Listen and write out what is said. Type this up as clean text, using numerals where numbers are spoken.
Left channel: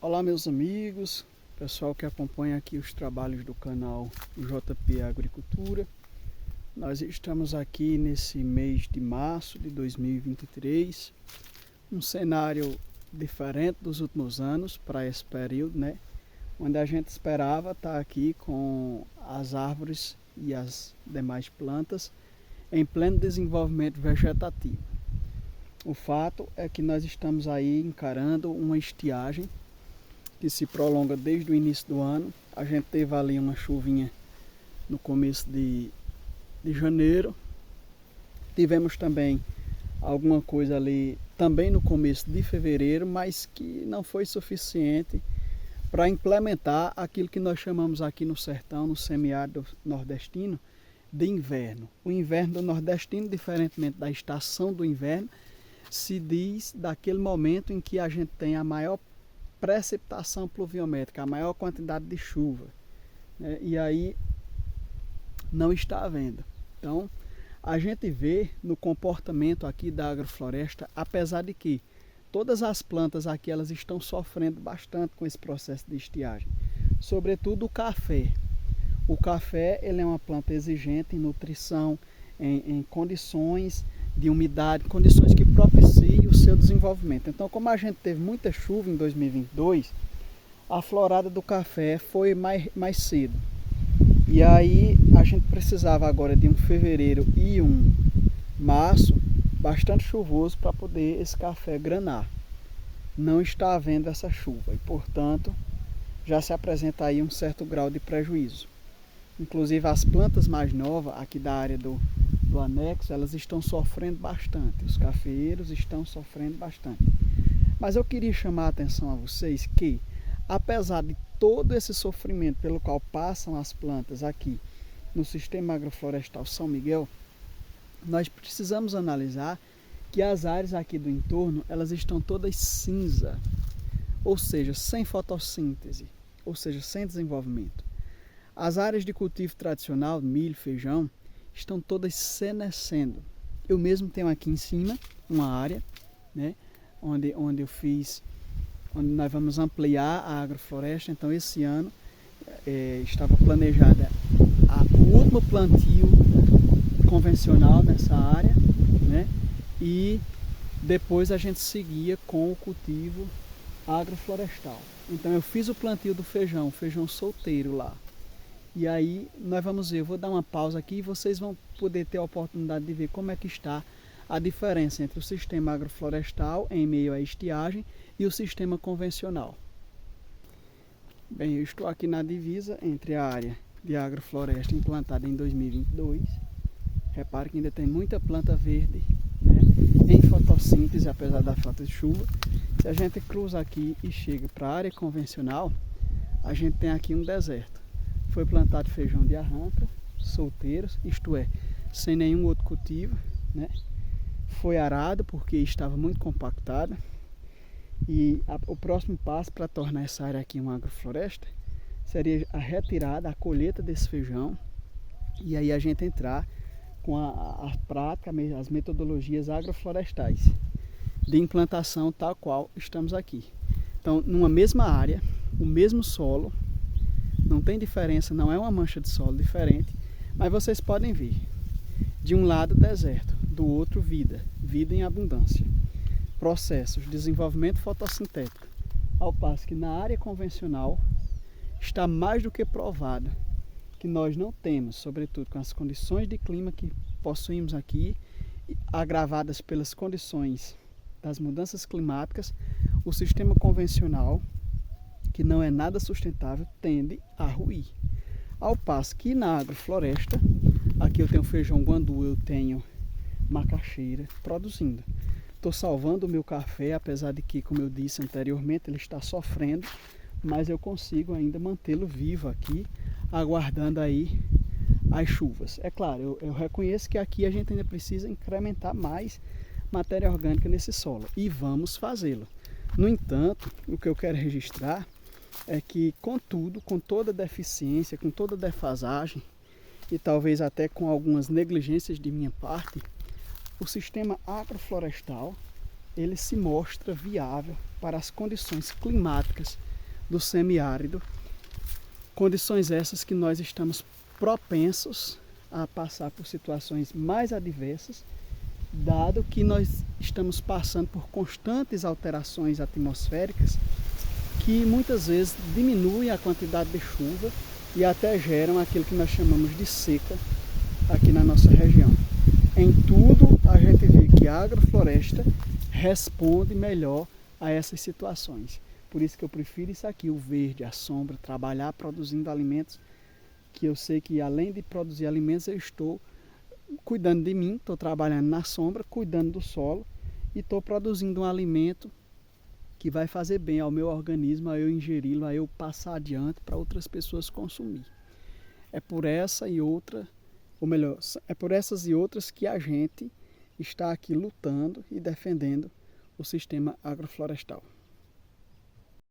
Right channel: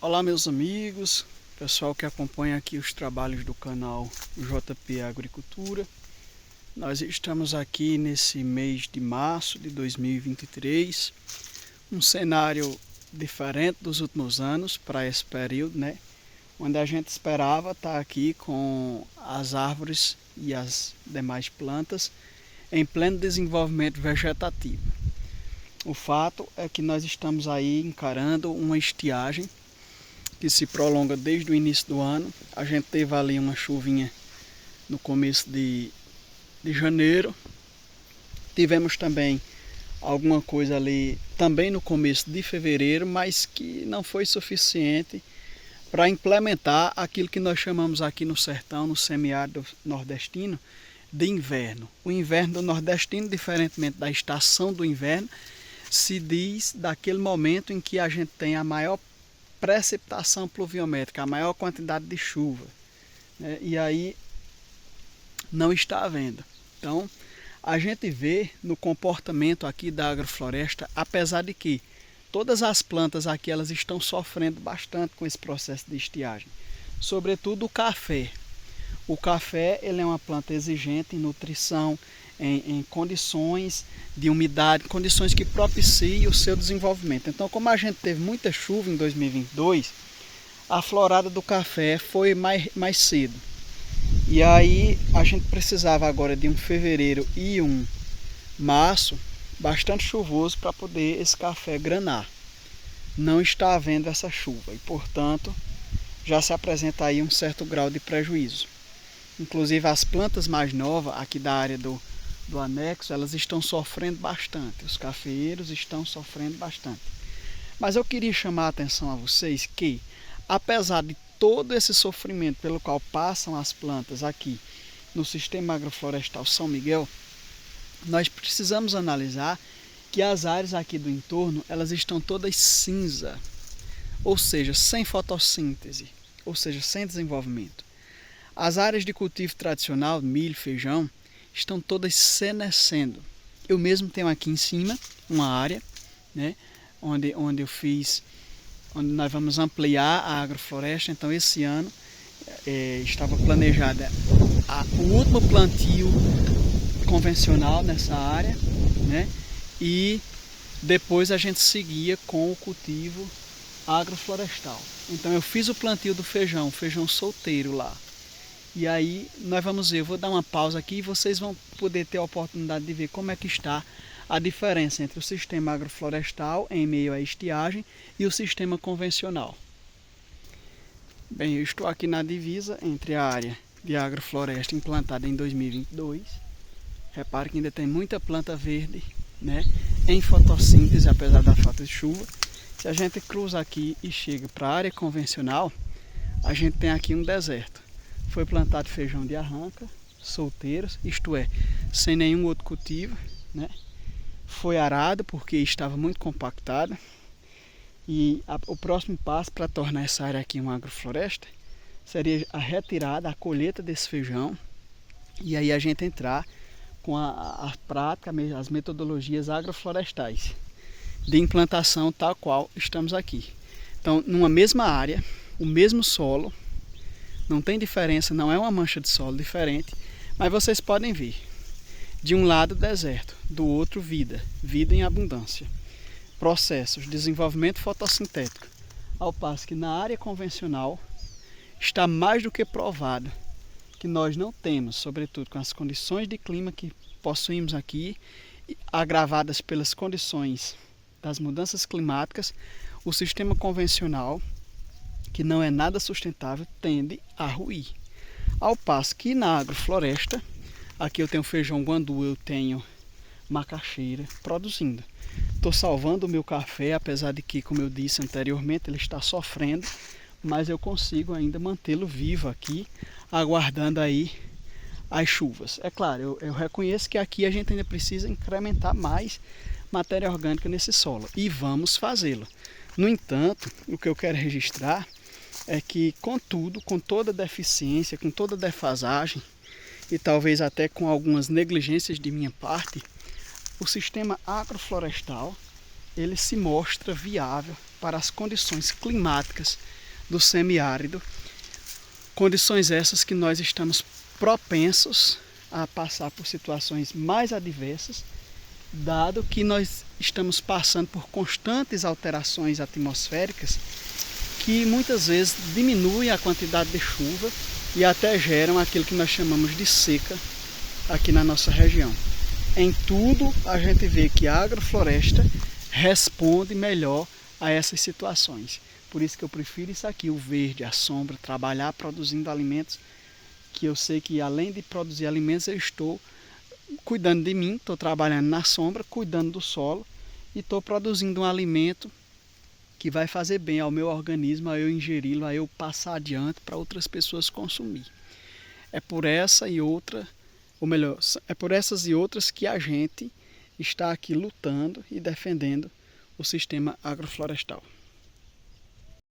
Olá meus amigos, pessoal que acompanha aqui os trabalhos do canal JP Agricultura. Nós estamos aqui nesse mês de março de 2023, um cenário diferente dos últimos anos para esse período, né? Onde a gente esperava estar aqui com as árvores e as demais plantas em pleno desenvolvimento vegetativo. O fato é que nós estamos aí encarando uma estiagem que se prolonga desde o início do ano. A gente teve ali uma chuvinha no começo de janeiro. Tivemos também alguma coisa ali também no começo de fevereiro, mas que não foi suficiente para implementar aquilo que nós chamamos aqui no sertão, no semiárido nordestino, de inverno. O inverno do nordestino, diferentemente da estação do inverno, se diz daquele momento em que a gente tem a maior precipitação pluviométrica, a maior quantidade de chuva, né? E aí não está havendo. Então a gente vê no comportamento aqui da agrofloresta, apesar de que todas as plantas aqui elas estão sofrendo bastante com esse processo de estiagem, sobretudo o café. O café ele é uma planta exigente em nutrição, em condições de umidade, condições que propiciem o seu desenvolvimento. Então, como a gente teve muita chuva em 2022, a florada do café foi mais cedo. E aí a gente precisava agora de um fevereiro e um março bastante chuvoso para poder esse café granar. Não está havendo essa chuva e, portanto, já se apresenta aí um certo grau de prejuízo. Inclusive as plantas mais novas aqui da área do anexo, elas estão sofrendo bastante, os cafeeiros estão sofrendo bastante. Mas eu queria chamar a atenção a vocês que, apesar de todo esse sofrimento pelo qual passam as plantas aqui no sistema agroflorestal São Miguel, nós precisamos analisar que as áreas aqui do entorno, elas estão todas cinza, ou seja, sem fotossíntese, ou seja, sem desenvolvimento. As áreas de cultivo tradicional, milho, feijão, estão todas senescendo. Eu mesmo tenho aqui em cima uma área, né, onde nós vamos ampliar a agrofloresta. Então esse ano estava planejada o último plantio convencional nessa área, né, e depois a gente seguia com o cultivo agroflorestal. Então eu fiz o plantio do feijão solteiro lá. E aí nós vamos ver, eu vou dar uma pausa aqui e vocês vão poder ter a oportunidade de ver como é que está a diferença entre o sistema agroflorestal em meio à estiagem e o sistema convencional. Bem, eu estou aqui na divisa entre a área de agrofloresta implantada em 2022. Repare que ainda tem muita planta verde, né, em fotossíntese, apesar da falta de chuva. Se a gente cruza aqui e chega para a área convencional, a gente tem aqui um deserto. Foi plantado feijão de arranca, solteiros, isto é, sem nenhum outro cultivo, né? Foi arado porque estava muito compactada. E o próximo passo para tornar essa área aqui uma agrofloresta seria a retirada, a colheita desse feijão. E aí a gente entrar com a prática, as metodologias agroflorestais de implantação tal qual estamos aqui. Então, numa mesma área, o mesmo solo, não tem diferença, não é uma mancha de solo diferente, mas vocês podem ver, de um lado deserto, do outro vida em abundância, processos, desenvolvimento fotossintético, ao passo que na área convencional está mais do que provado que nós não temos, sobretudo com as condições de clima que possuímos aqui, agravadas pelas condições das mudanças climáticas, o sistema convencional, que não é nada sustentável, tende a ruir. Ao passo que na agrofloresta, aqui eu tenho feijão guandu, eu tenho macaxeira produzindo. Estou salvando o meu café, apesar de que, como eu disse anteriormente, ele está sofrendo, mas eu consigo ainda mantê-lo vivo aqui, aguardando aí as chuvas. É claro, eu reconheço que aqui a gente ainda precisa incrementar mais matéria orgânica nesse solo, e vamos fazê-lo. No entanto, o que eu quero registrar é que, contudo, com toda deficiência, com toda defasagem e talvez até com algumas negligências de minha parte, o sistema agroflorestal ele se mostra viável para as condições climáticas do semiárido, condições essas que nós estamos propensos a passar por situações mais adversas, dado que nós estamos passando por constantes alterações atmosféricas que muitas vezes diminuem a quantidade de chuva e até geram aquilo que nós chamamos de seca aqui na nossa região. Em tudo a gente vê que a agrofloresta responde melhor a essas situações. Por isso que eu prefiro isso aqui, o verde, a sombra, trabalhar produzindo alimentos que eu sei que além de produzir alimentos eu estou cuidando de mim, estou trabalhando na sombra, cuidando do solo e estou produzindo um alimento que vai fazer bem ao meu organismo, a eu ingeri-lo, a eu passar adiante para outras pessoas consumir. É por essa e outra, ou melhor, é por essas e outras que a gente está aqui lutando e defendendo o sistema agroflorestal.